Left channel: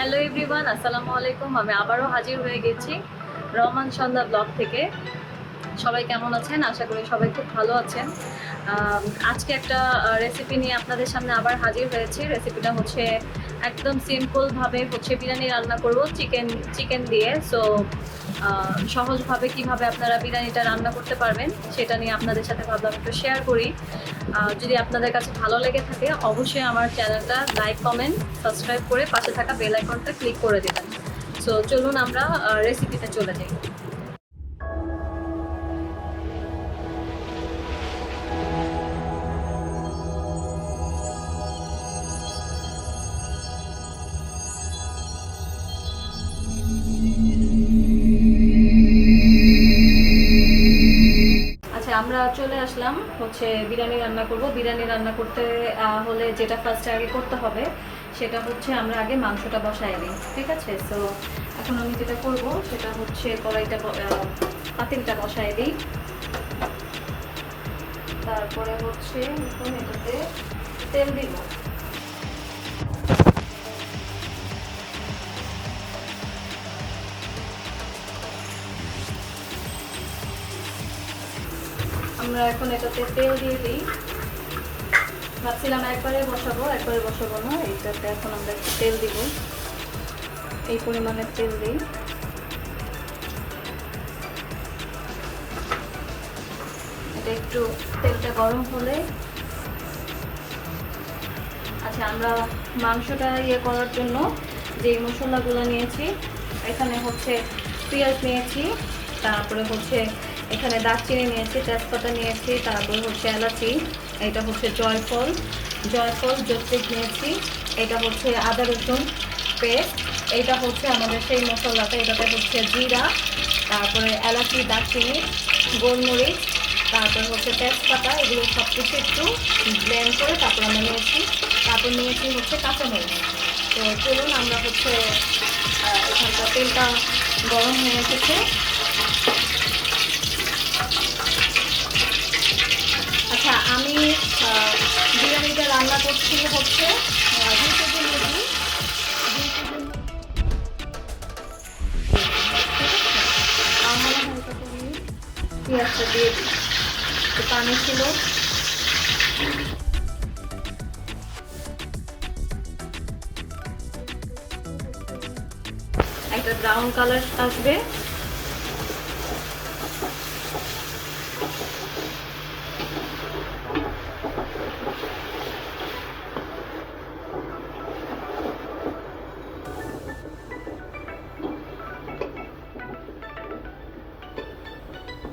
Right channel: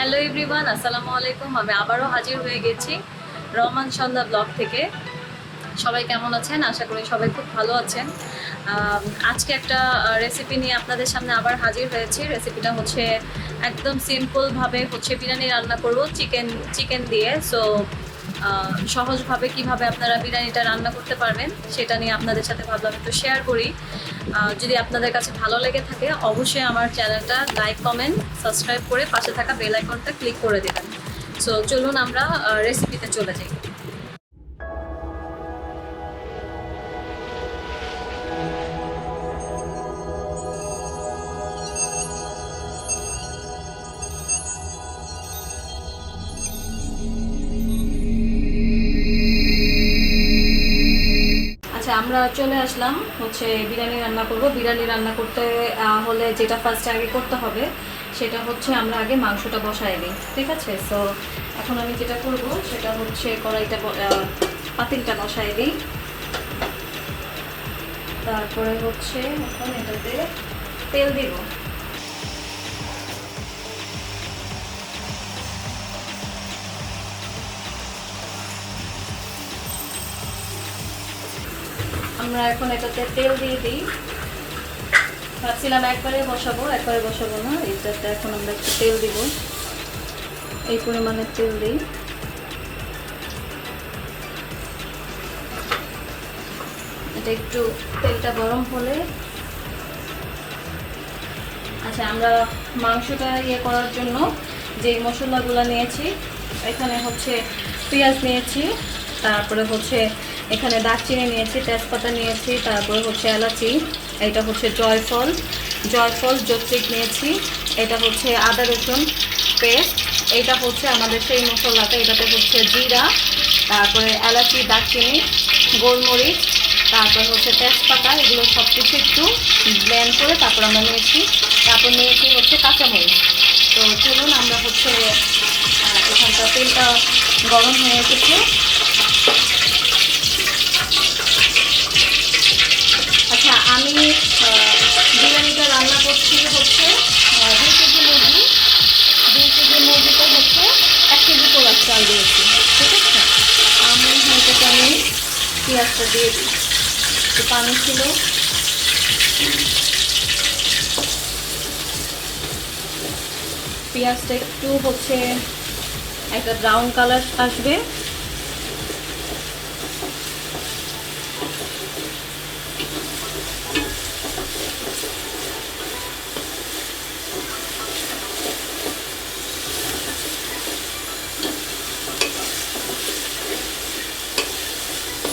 Hello everyone, আসসালামু আলাইকুম। আমি আবারও হাজির হয়ে গেছি রহমান সন্ধ্যা ব্লগ থেকে। সবাই কেমন আছেন? আশা করি সবাই খুব ভালো আছেন। আজকে একটা রেসিপি নিয়ে আপনাদের সামনে আবার হাজির হয়েছি। রেসিপিটা হচ্ছে একদম সিম্পলভাবে বিরিয়ানি রান্না করব চিকেন দিয়ে। সো সহজভাবে কিভাবে আপনারা বিরিয়ানিটা রান্না করতে পারবেন সেটা নিয়ে আপনাদের সাথে ভাবলাম একটু শেয়ার করি। যদি আপনাদের কাছে ভালো লেগে থাকে অবশ্যই আমার চ্যানেলটা লাইক, কমেন্ট, সাবস্ক্রাইব করে পাশে থাকা বেল আইকনটা ক্লিক করে দেবেন। সো চলুন আমরা রেসিপিতে চলে যাই। আচ্ছা, আমরা চলে আসলাম বিরিয়ানি রান্না করব। বিরিয়ানি রান্না করতে হলে যেটা ফার্স্ট আগে করতে হবে সেটা হচ্ছে আমরা আগে মাংসটা বসাই দিই, ঠিক আছে? সো এখন আমি যেটা করব সেটা হচ্ছে পাতিলটা বসাই দিই। তারপরে এখন এটাতে তেল দিব। আমরা এখন এটাতে তেল দিয়ে দিই। ভাবছিলাম একবারে বসাবো না, এইটাতে এখন আমরা একটু তেল দিব। এই পরিমাণে তেল দিই। এটা একটু তেলটা গরম হলে আচ্ছা, আমরা মাংসটা করার জন্য যে মশলাগুলো নিয়েছি, এখানে পেঁয়াজ নিয়েছি, তারপরে এখানে দারচিনি নিয়েছি, তেজপাতা নিয়েছি, তারপরে এলাচি, এটা জয়ফল জয়ত্রী নিয়েছি, এটা আদা রসুন পেস্ট, এটা আমাদের সেই মশলাটা, এটাতে জিরা, তারপরে এলাচি, দারচিনি, গোলমরিচ, তারপর তেজপাতা, এগুলো সব কিছু একটু ব্লেন্ড করে তারপর আমরা নিয়েছি। তারপর নিয়েছি কাঁচামরিচ। তো চলুন আমরা এখানকার তেলটা গরম হয়ে এসেছে। আচ্ছা, আমি বিরিয়ানিটা রান্না করছি 2 কেজি মুরগি। 2 কেজি মুরগিতে 1 কেজি পোলার চাল দিয়েছি, ঠিক আছে? আমি পেঁয়াজটা দিয়ে দিই। একটু পানি ছিল। পেঁয়াজটা একটু একটা ব্রাউন কালার আসবে।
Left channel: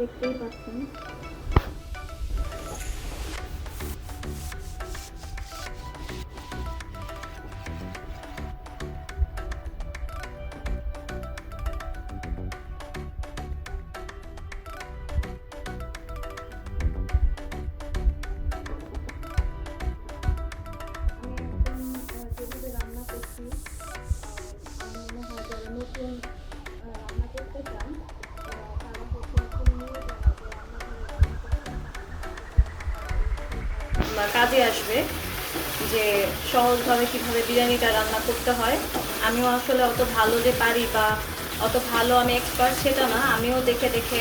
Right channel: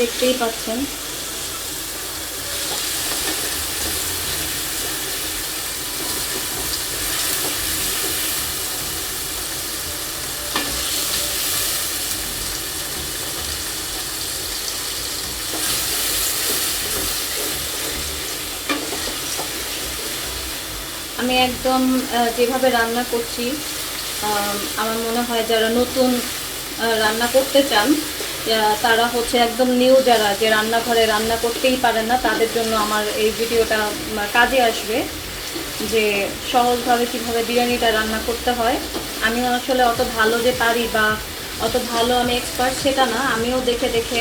দেখতেই পাচ্ছেন। আমি একদম যেভাবে রান্না করছি, আমার মনে হয় যারা নতুন রান্না করতে চান তারা একদম নিউ, যারা যে রান্নাঘরে রান্না করতেই পারেন না, তাদের জন্য আমার এই ভিডিওটা কাজে আসবে, যে সহজভাবে কীভাবে বিরিয়ানিটা রান্না করতে হয়। আমিও আসলে অত ভালো যে পারি বা অত ভালো আমি এক্সপার্ট সেটা না, আমিও দেখে দেখে,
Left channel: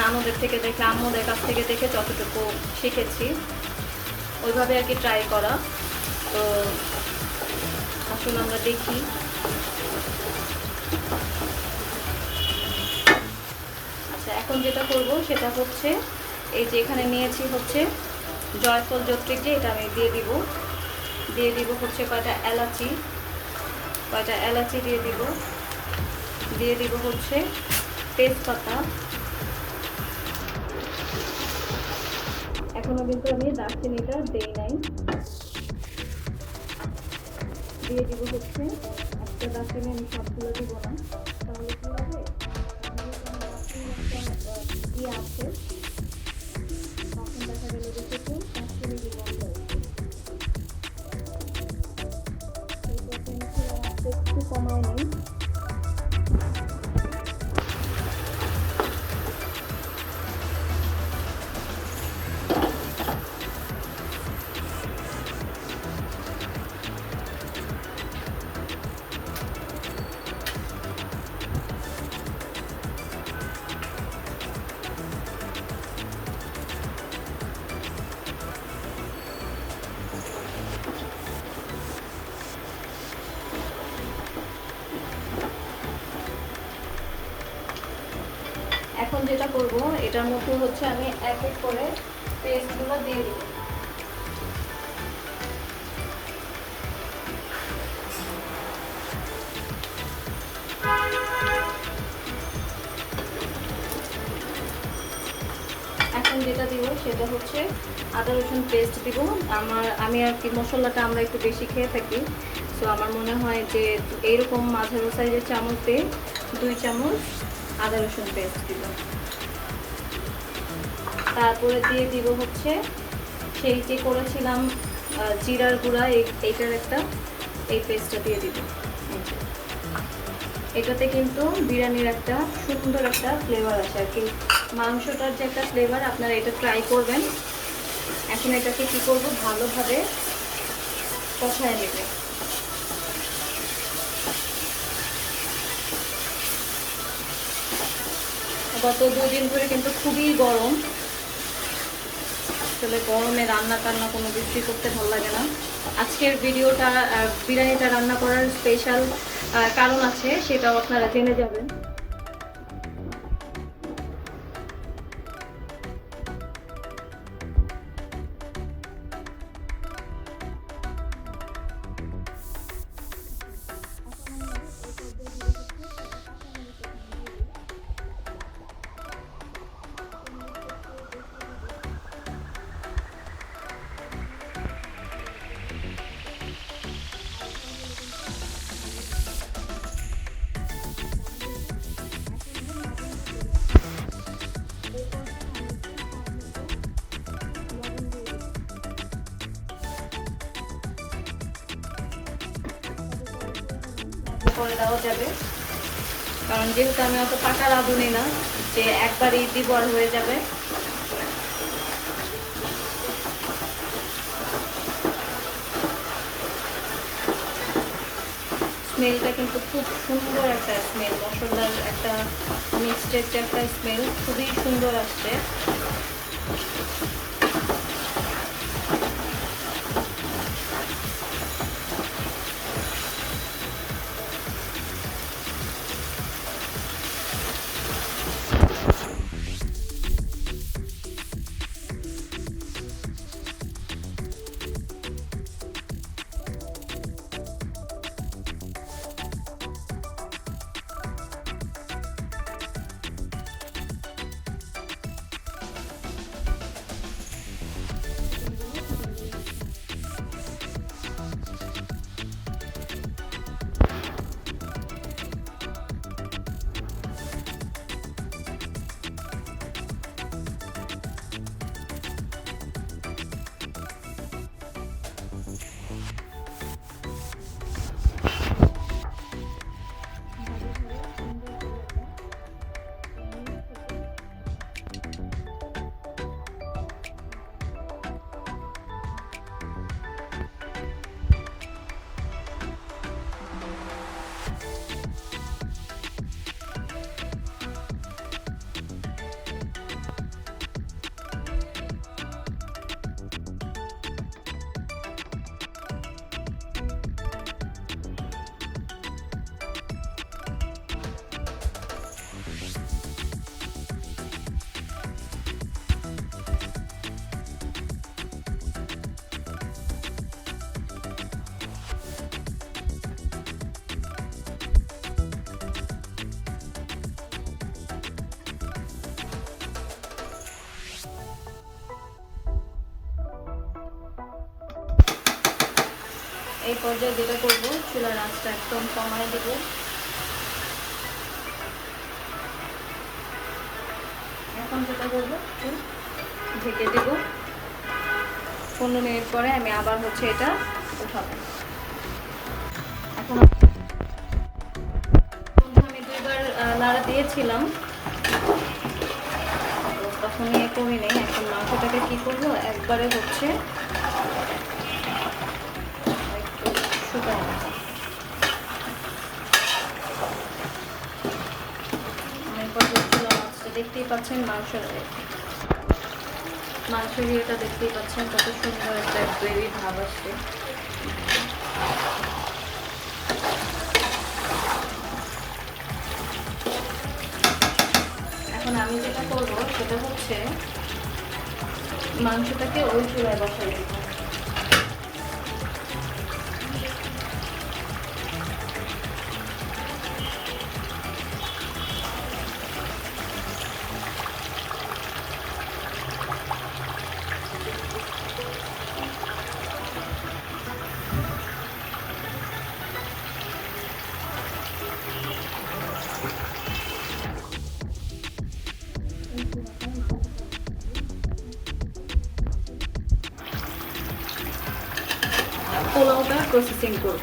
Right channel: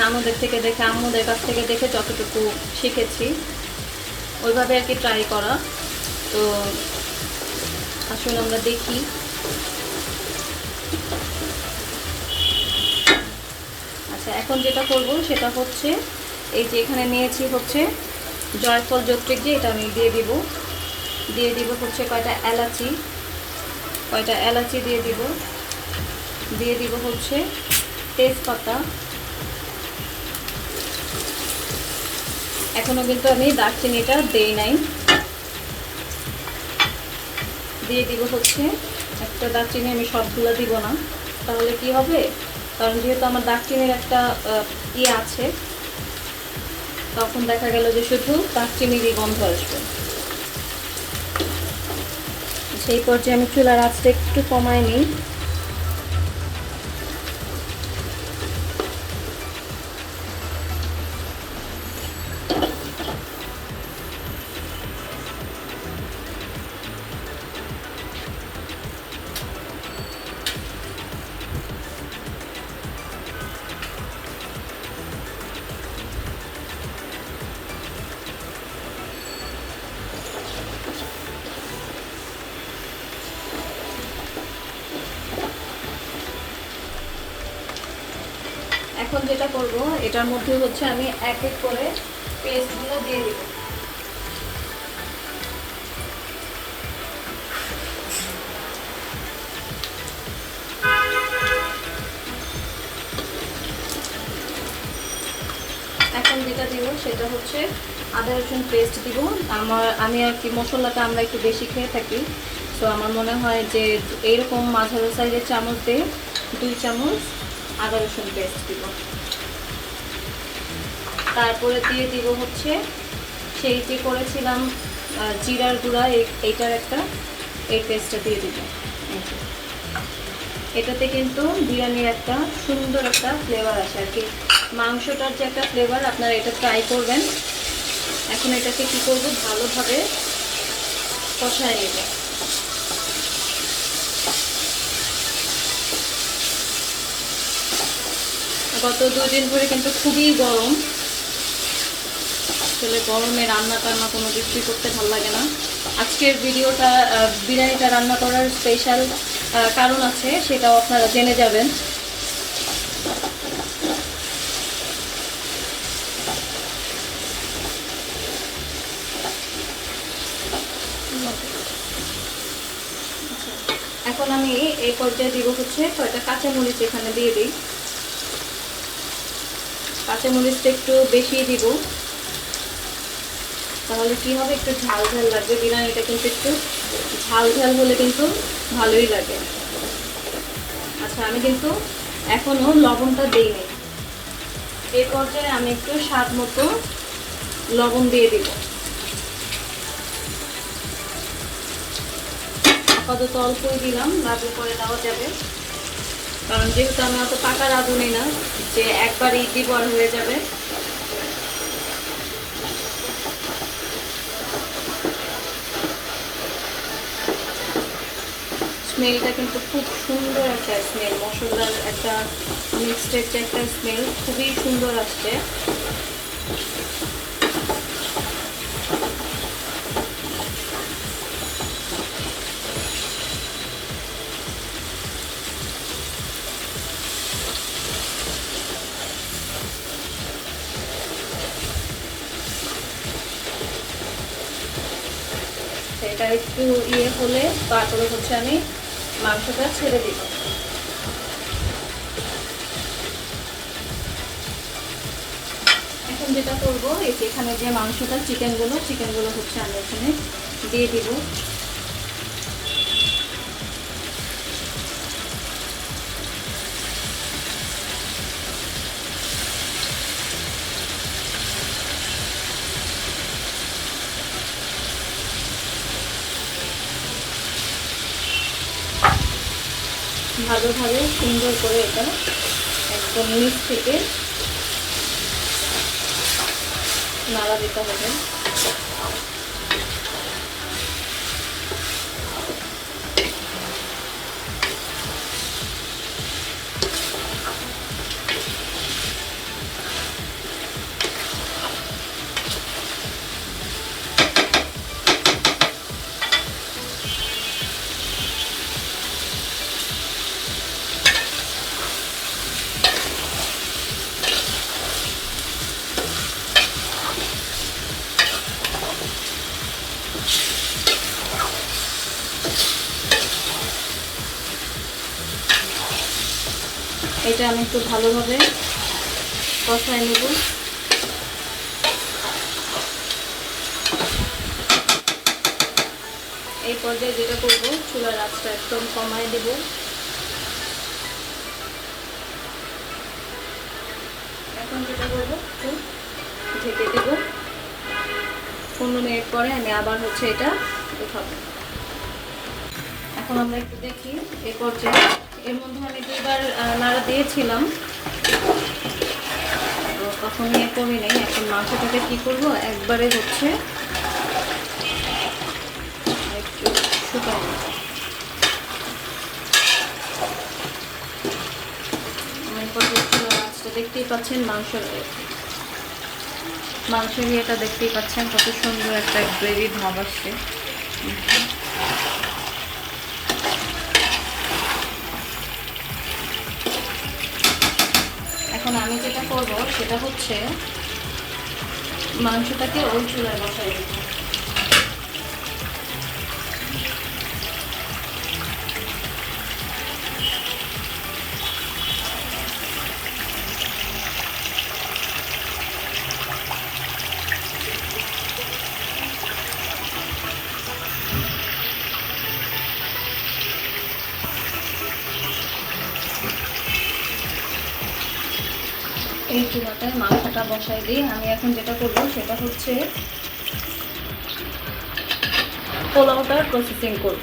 নানুদের থেকে দেখে, আম্মুদের কাছ থেকে দেখে যতটুকু শিখেছি ওইভাবে আর কি ট্রাই করা। তো আসলে আমরা দেখি। আচ্ছা, এখন যেটা করব সেটা এই যে এখানে নিয়েছি জয়ফল জয়ত্রী, যে এটা আমি দিয়ে দিব কয়টা এলাচি দিয়ে দিব তেজপাতা। এখনো কিন্তু আমি দারচিনিটা দেই নাই। দিয়ে দিব একটা দারচিনি, আমি সবগুলো দিব না, তাহলে কি হবে, কারণ যেহেতু আমার দারচিনির একটা আছে, তখন দেখা গেল যে শুধু দারচিনিরই গন্ধ আসবে। সেই পর্যায়ে আমি চুলার আঁচটা একটু কমায় নিই। এখন যেটা করব, এটার মধ্যে হচ্ছে আমি এক এক করে পেস্টগুলো দিয়ে দিব। এখন যেটা দিব সেটা হচ্ছে আদা রসুন পেস্ট দিব। আমি আর কি মশলাটা আমরা একটু বেশি খেয়ে থাকি, তো আমার মনে হয় যে এইরকম মাঝারি সাইজের চামচে 2 চামচ আদা রসুন পেস্ট দিব। তারপরে দিয়ে দিব হচ্ছে সেই যে করেছিলাম জিরার গুঁড়া, এইটার একটা এই পেস্টটা দিয়ে দিব। এটাতে কিন্তু বিরিয়ানির একটা সুন্দর একটা ফ্লেভার আসে আর কি, মাংসটার যে একটা ফ্লেভার, আপনারা এটা ট্রাই করবেন। এখন এটাকে কি করব, ভালোভাবে কষায় নেব। গত 2 দিন ধরে কিন্তু খুবই গরম, আসলে গরমে রান্না টান্না কোনো কিছুই করতে ভালো লাগে না। আজকের ভিডিওটা বিরিয়ানিটা রান্না করার স্পেশাল কারণ আছে, সেটাও আপনারা জেনে যাবেন। এখন আমি এই পর্যায়ে দিব হচ্ছে কয়েকটা কাঁচামরিচ এখানে দিয়ে দিই। কাঁচামরিচটা একটু বেশি দিব, তাহলে কি হবে, একটু ঝাল ঝাল লাগবে। বিরিয়ানিটা কিন্তু একটু ঝাল ঝাল হলে কিন্তু ভালোই লাগে। আচ্ছা, আমি কিন্তু এখনো লবণটা দিইনি। এই পর্যায়ে আমি একটু স্বাদ মতো লবণ দিয়ে দিব। আপাতত অল্পই দিলাম, লাগলে পরে দেওয়া যাবে, কারণ যেহেতু আমি অত পাকা রাঁধুনি না যে একবারই দিব আর হয়ে যাবে। স্মেলটা কিন্তু খুব সুন্দর একটা স্মেল, মশলার একটা মিক্সড একটা স্মেল খুবই সুন্দর আসছে। এটা একটু হলে তারপরে হচ্ছে আমি মাংসটা ছেড়ে দিব। এখন যেটা করবো, এখানে যে মাংসটা চিকেনগুলো হচ্ছে আমি এখানে দিয়ে দিব। ভালোভাবে সুন্দর করে এটা একদম নিচ থেকে নাড়া দিতে হবে। এটা আমি একটু ভালোভাবে কষায় নেব। এই পর্যায়ে যেটা করব, চুলার আঁচটা একদম কমায় দেব। এখন যেটা করবো, ঢেকে দেব। 15 মিনিট পরে আমি আবার হচ্ছে এটা উঠাবো। এখন আমরা একটু দেখি এই পর্যায়ে, এর মধ্যে আমি 2বার নাড়া দিয়েছিলাম, তো তখন নিয়ে কমে নেই। এখন মাংসটাকে কি করব, একবারে হচ্ছে একটু শুকাই নেব। মাছটা দেখতেই পাচ্ছেন, মাংসের ইয়েটা দেখতেই পাচ্ছেন, কত সুন্দর একটা গ্রেভি ভাব আসছে। এখন এখন আমি যেটা করব সেটা হচ্ছে মাংসটাকে ওই চুলায় বসাই দেব। এই চুলাটায় মাংসটা বসাই দিই। আমি এখন যেটা করব সেটা হচ্ছে পোলাওটা প্রসেসিং করব।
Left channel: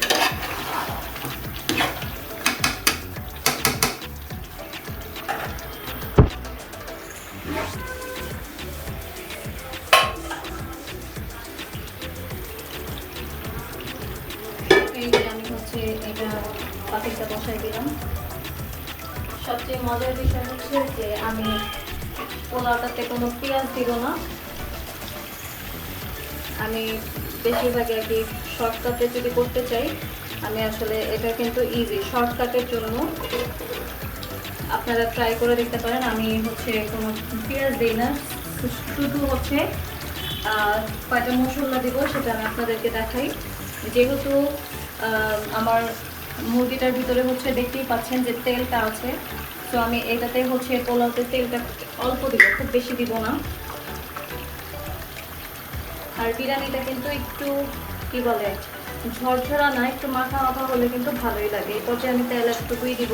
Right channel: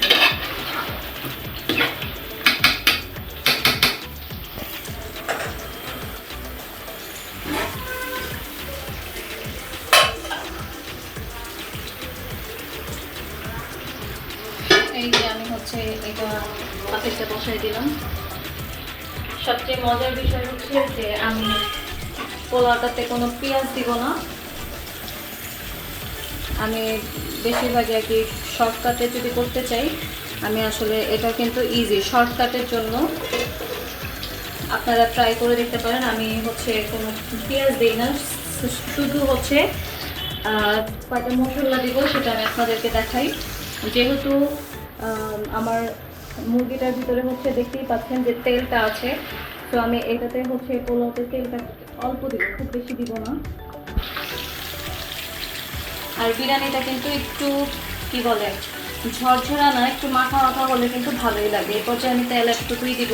এই যে আমি হচ্ছে এটা পাতিলটা বসাই দিলাম। সবচেয়ে মজার বিষয় হচ্ছে যে আমি পোলাওটাতে কোনো পেঁয়াজ দিব না। আমি বেশিরভাগই আর কি শর্টকাটে যদি করতে চাই, আমি আসলে এটা কিন্তু ইজি, শর্টকাটের জন্য আপনারা ট্রাই করে দেখতে পারেন। আমি হচ্ছে কোনো পেঁয়াজ দিই না, শুধু হচ্ছে কয়েকটা মশলা দিব, সেটা আমি আপনাদেরকে দেখাই। যেহেতু আমার মুরগিটার ভিতরে হচ্ছে দেখতেই পাচ্ছেন যে তেলটা আছে, তো আমি এটাতে হচ্ছে পোলাওতে তেলটা অল্প দিব, খুব বেশি দিব না। আর বিরিয়ানিটা কিন্তু একটু কি বলে ঝরঝরা না, একটু মাখা মাখা হলে কিন্তু ভালোই লাগে। এই পর্যায়ে আমি তেল একটুকুই দিব।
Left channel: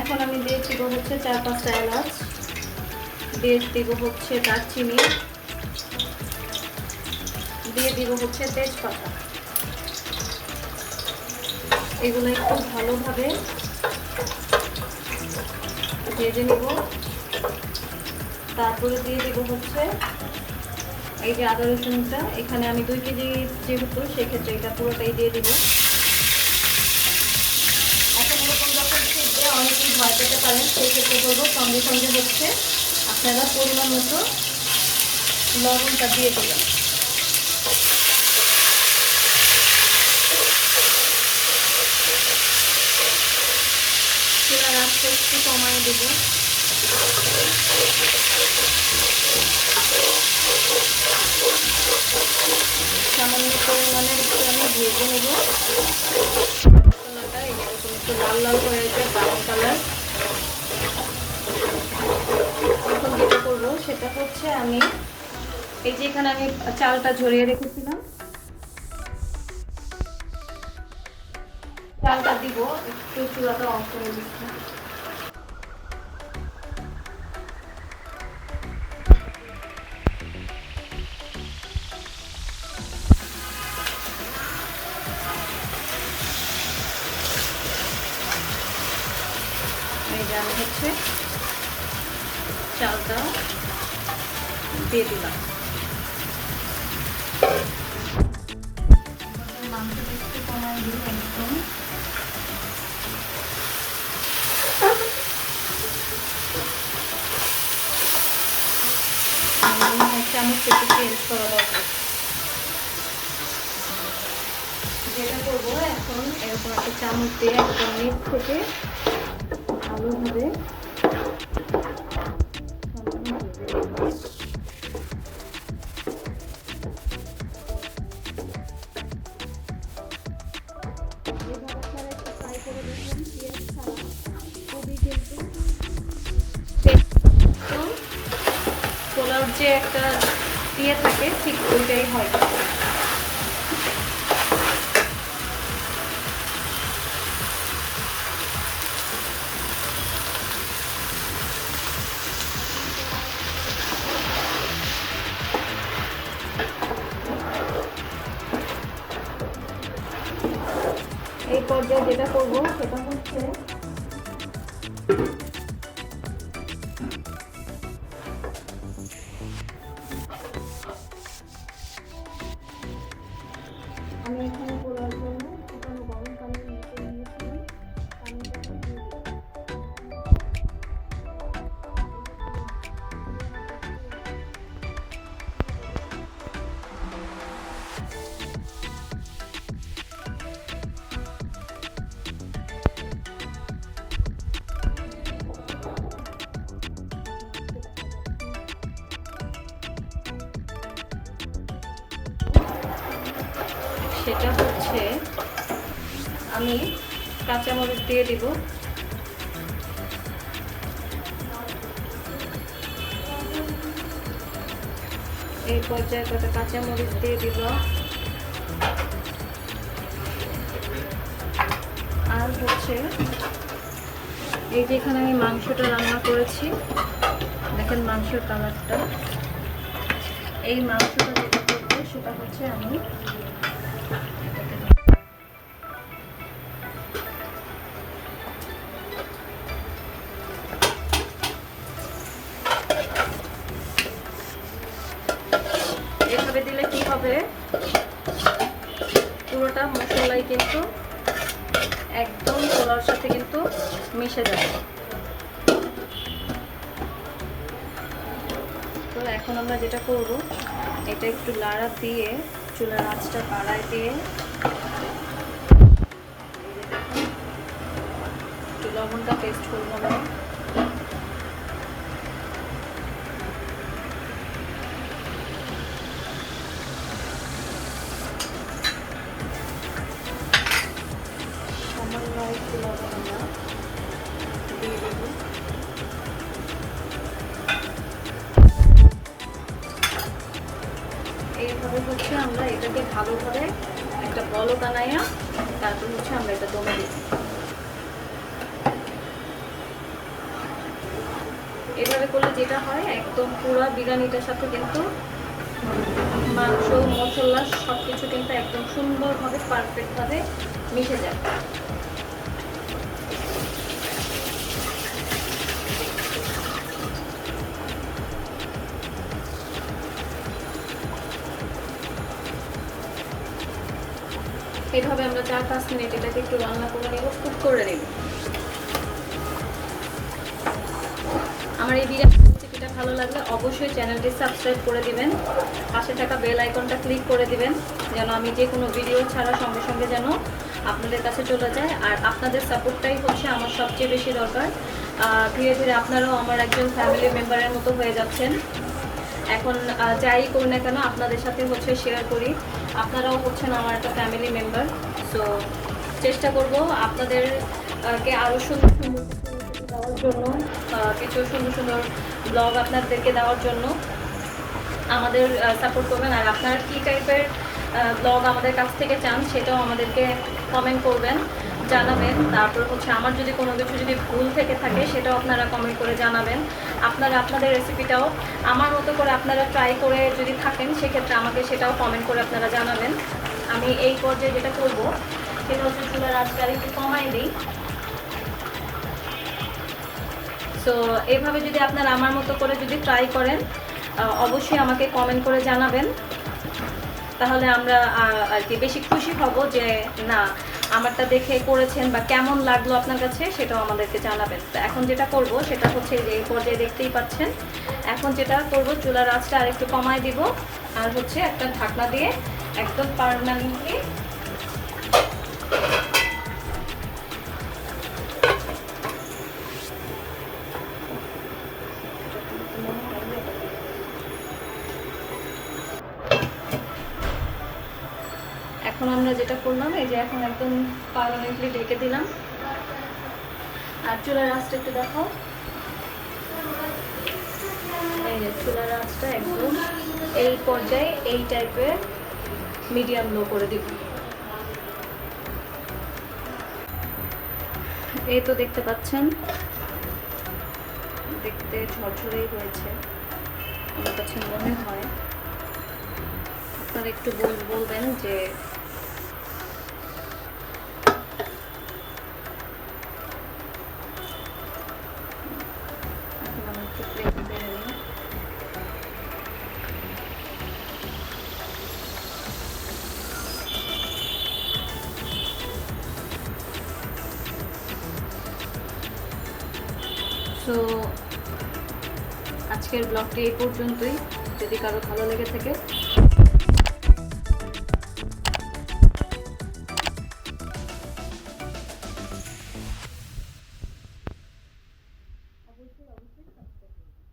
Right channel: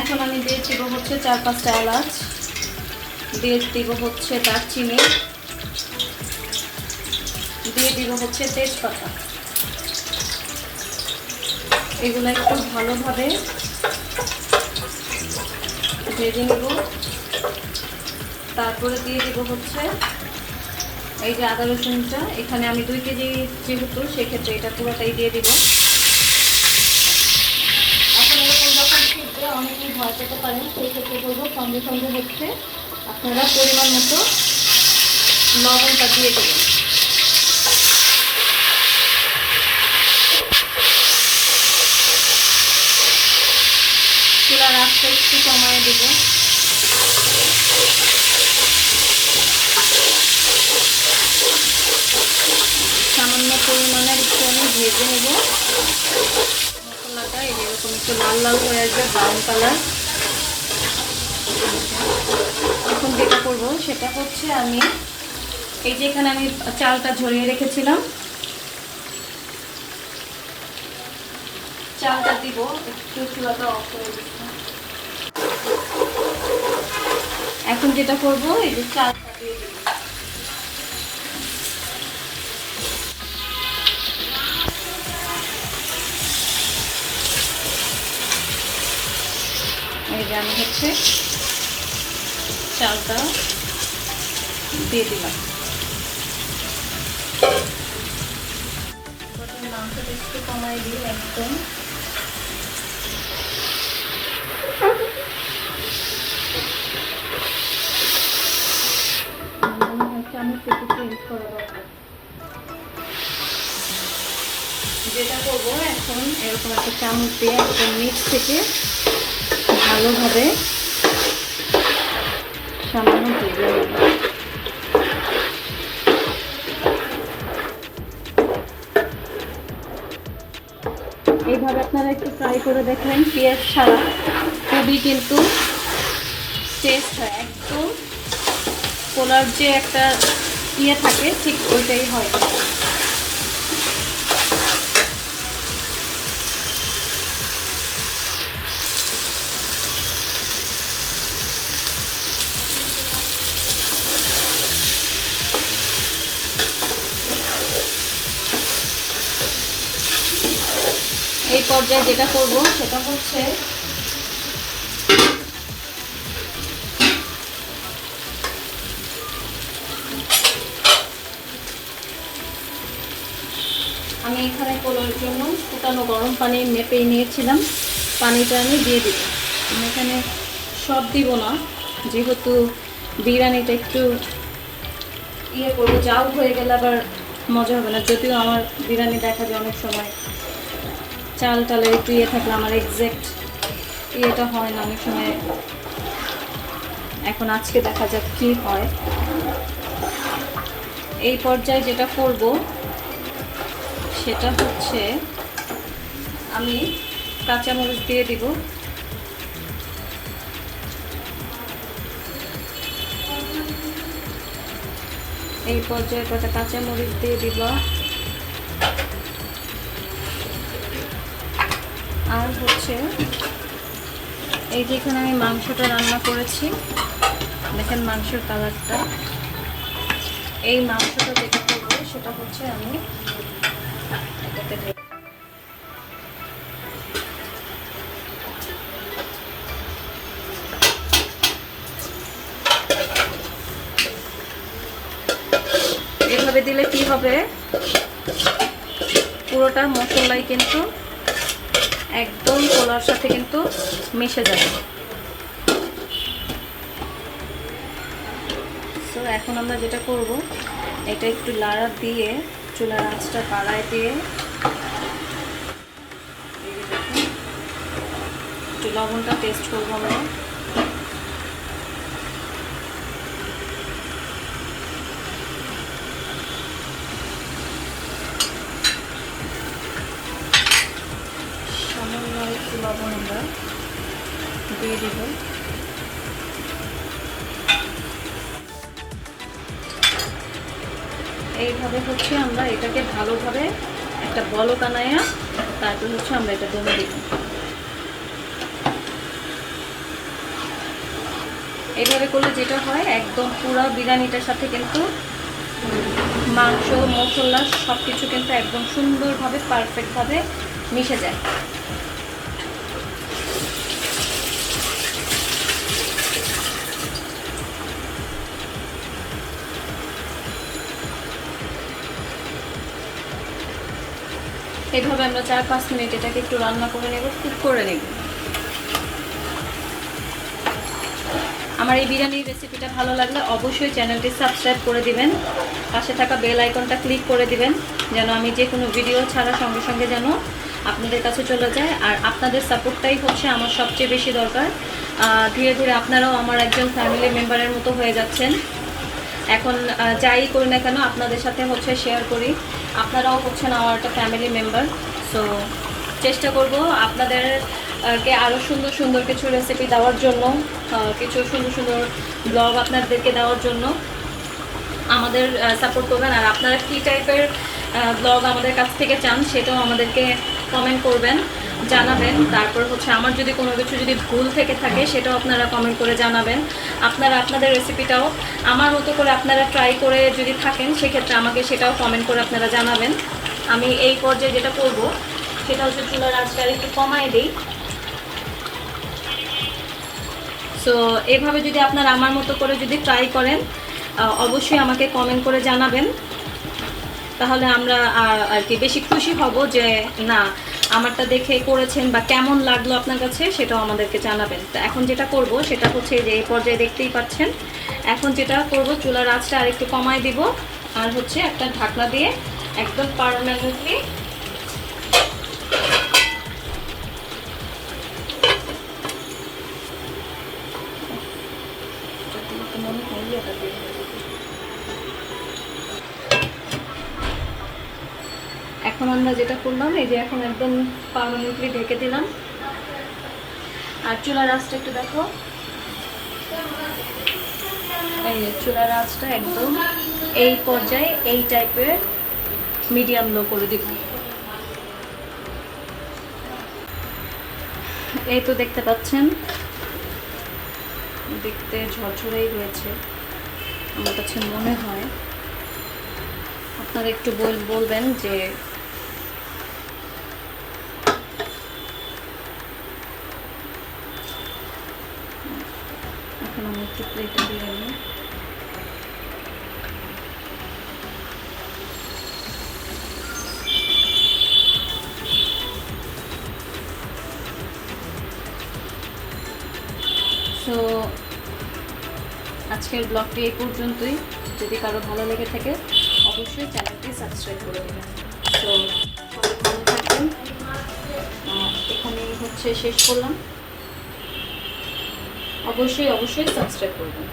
এখন আমি দিয়ে দিব হচ্ছে 4-5টা এলাচ, দিয়ে দিব হচ্ছে দারচিনি, দিয়ে দিব হচ্ছে তেজপাতা। এগুলো একটু ভালোভাবে ভেজে নেব। তারপরে দিয়ে দিব হচ্ছে এই যে আদা রসুনটা, এখানে আমি 2 কেজি যেহেতু সেক্ষেত্রে এটা পুরোটাই দিয়ে দিব। এখন এরকম যখন শিখবে অনেকেই ভয় পেতে পারেন, সেই ক্ষেত্রে বলবো সঙ্গে সঙ্গে হচ্ছে আপনারা পরিমাণ মতো লবণটা দিয়ে দেবেন। চুলার আঁচটা একটু কমায় দেব। সামান্য পরিমাণের একটু আমি ভেজে নেব মশলাটা। এরকম একটু লাল লাল হয়ে আসবে, ব্রাউন কালার। এখন যেটা করবো সেটা হচ্ছে আমি এই যে এখানে আমি চালটা ঝরিয়ে রেখেছিলাম, চালটা দিব। একটু চুলাটা অফ করে দিচ্ছি। এখন যেটা করবো এই যে চালটা দিয়ে দেব। এই যে আমি হচ্ছে চালটা দিয়ে দিলাম। মাংসটা একটু কমাই দিই একদম। চামচ একটু চেঞ্জ করা দরকার। যেটা করবো এখন এরকম একটা চামচ দিয়ে নিচ থেকে ভালোভাবে সামান্য ভেজে নেব। এইভাবে আপনারা একটু ট্রাই করে দেখবেন, পেঁয়াজ ছাড়া খুবই কিন্তু টেস্ট হয়। একদম পোলাওর যে একটা ইয়ে থাকে ঠিক ওইটাই হয়। এই পর্যায়ে যেটা করবো সেটা হচ্ছে আমি এখানে পোলাওর জন্য ফুটানো গরম পানি মেপে নিয়েছিলাম, পানিটা আমি দিয়ে দিব। আমি এখানে সব দিব না, যেহেতু বিরিয়ানিটা একটু ইয়ে করবো, জাল হয়ে গেলে আবার মজা হবে না। যদিও আমার বিরিয়ানি দেখা যায় অনেক সময় চাল টালের একটু ইয়ে থাকলে আমার এক্সাক্ট ইয়েটা হয় না অনেক সময়। এখন আজকে দেখা যাক কি হয়। এই পর্যায়ে যেটা করব সেটা হচ্ছে আমি কাঁচামরিচ দিয়ে দিব। এই পর্যায়ে কটা কাঁচামরিচ দিয়ে দিব, আর হচ্ছে এই যে এখানে আমি মাংসটা রান্না করেছি, দেখেন মাংসের কালারটা। এই মাংসটা যেটা করবো সেটা হচ্ছে আমি এভাবে দিলে কি হবে, পুরোটা মশলাই কিন্তু একদম কলার সাথে কিন্তু মিশে যাবে। তো এখন আমরা যেটা করব, এটা একটু লাড়া দিয়ে চুলার আঁচটা বাড়ায় দিয়ে একটু লবণটা টেস্ট করবো আমরা। সামান্য একটু লবণ আমরা দিয়ে দেব। এইভাবে হচ্ছে আমরা এটাকে ভালোভাবে একটা বলক বানাইয়া তারপর হচ্ছে আমরা এটা দমে দিব। এইভাবে করলে যেটা হয়, একদম পুরো বিরিয়ানিটার সাথে কিন্তু মাংস মশলা সব কিছু কিন্তু একদম সুন্দরভাবে পারফেক্টভাবে মিশে যায়। এইভাবে আমরা 4-5 মিনিট এটাকে একটু রান্না করে নেব, কুক করে নেব। আমার এই বিরিয়ানির রেসিপিটা ভালো লাগলে অবশ্যই চ্যানেলটি সাবস্ক্রাইব করে দিবেন, পাশে থাকা বেল আইকনটা ক্লিক করে দিবেন, যেন আমি যে কোনো ভিডিও ছাড়ার সঙ্গে সঙ্গে যেন আপনাদের কাছে চলে যায়। আর আপনাদের সাপোর্টটাই হচ্ছে আমার সবচেয়ে বেশি দরকার। ধীরে ধীরে আপনারাও আমার একজন ফ্যামিলি মেম্বারের মতো হয়ে যাচ্ছেন। এখন যাই করি না কেন আপনাদের সাথে হচ্ছে শেয়ার করি, আপনারাও হচ্ছেন আমার একটা ফ্যামিলি মেম্বার। সো চেষ্টা করব আপনাদেরকে আরও সুন্দর সুন্দর কিছু রেসিপি দেওয়ার জন্য, কিছু সুন্দর সুন্দর ব্লগ আপনাদেরকে দেওয়ার জন্য। আমাদের সাপোর্ট করবেন। আর আপনারা কী টাইপের ব্লগ আমাদের কাছ থেকে চান সেটাও আমাদেরকে কমেন্ট করবেন, জানাবেন। তারপর হচ্ছে আমার যদি কোনো কিছু যদি ভুল থেকে থাকে সেটাও আপনারা কমেন্ট করে জানাবেন। আপনারা আপনাদের রেসিপিটাও আমার মতো করে আপনারা ট্রাই করে যদি থাকেন সেক্ষেত্রে আমাকে সেটাও কমেন্ট করে আপনারা জানাবেন। আমি এই পর্যায়ে যেটা করব সেটা হচ্ছে চুলার আঁচটা একটু কমাই দিই। সো এইভাবে যদি আপনারা আমার মতো করে যদি ট্রাই করেন অবশ্যই আমাকে কমেন্ট করে জানাবেন, তাহলে আমরা আর কি বেশি খুশি হব যে না আমারটা দেখে করেছেন বা কেমন লাগলো আপনার কাছে সেটাও আমাদেরকে জানাবেন। তো এখন যেটা করব সেটা হচ্ছে যে এই পর্যায়ে দেখতেই পাচ্ছেন, এখন যেটা করব চুলার আঁচটা আর একটু কমাই দিব, আর হচ্ছে একটা ঢাকনা দিয়ে একদম পার্মানেন্টলি এখন আমরা যেটা করলাম এই যে এখন একদম পার্মানেন্টলি ঢেকে দিলাম। আর চুলার আঁচটা একটু দেখো, এই যে চুলার আঁচটা একদম এই পর্যায়ে এই টাইপের মিডিয়াম লো করে দিব। এই তো দেখতে পাচ্ছেন দেখতে ঝরঝরেই রয়েছে আমার কাছে মনে হয়। আপনারা একটু বলবেন যে এখন আমি একটু প্লেটে দিয়ে নেব। তো আজকের ব্লগটি এই পর্যন্তই। যদি কারো ভালো লেগে থাকে অবশ্যই চ্যানেলটি সাবস্ক্রাইব করে দেবেন। তো ভালো থাকবেন। হচ্ছে শেষ করলাম। অবশ্যই অবশ্যই সাবস্ক্রাইব করবেন।